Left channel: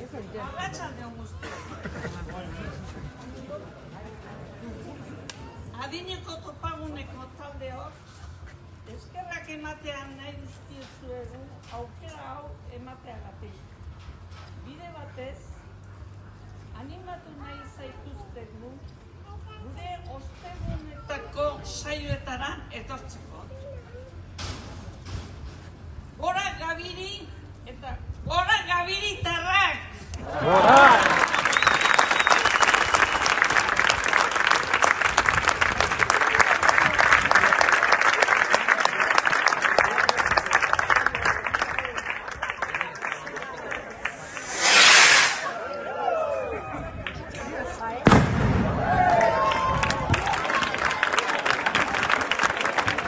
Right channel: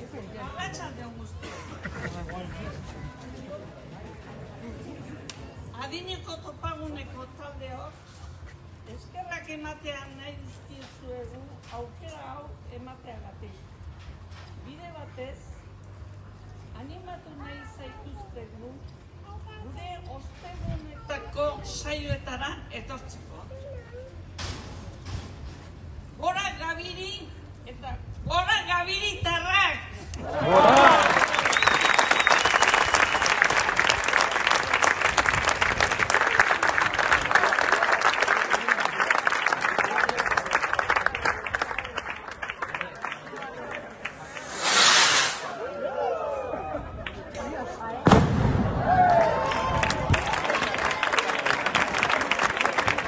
Arratsalde on guztioi. Adineko topaguneko taldeok eskerrak ematean nahi dizkiezuegu aukera hau emateagatik. Bide batez, animatu nahi zaituztegu gure ostegunetako saioetara etortzeko. Gora Gabiri eta gora Gabiritarrak! Gora!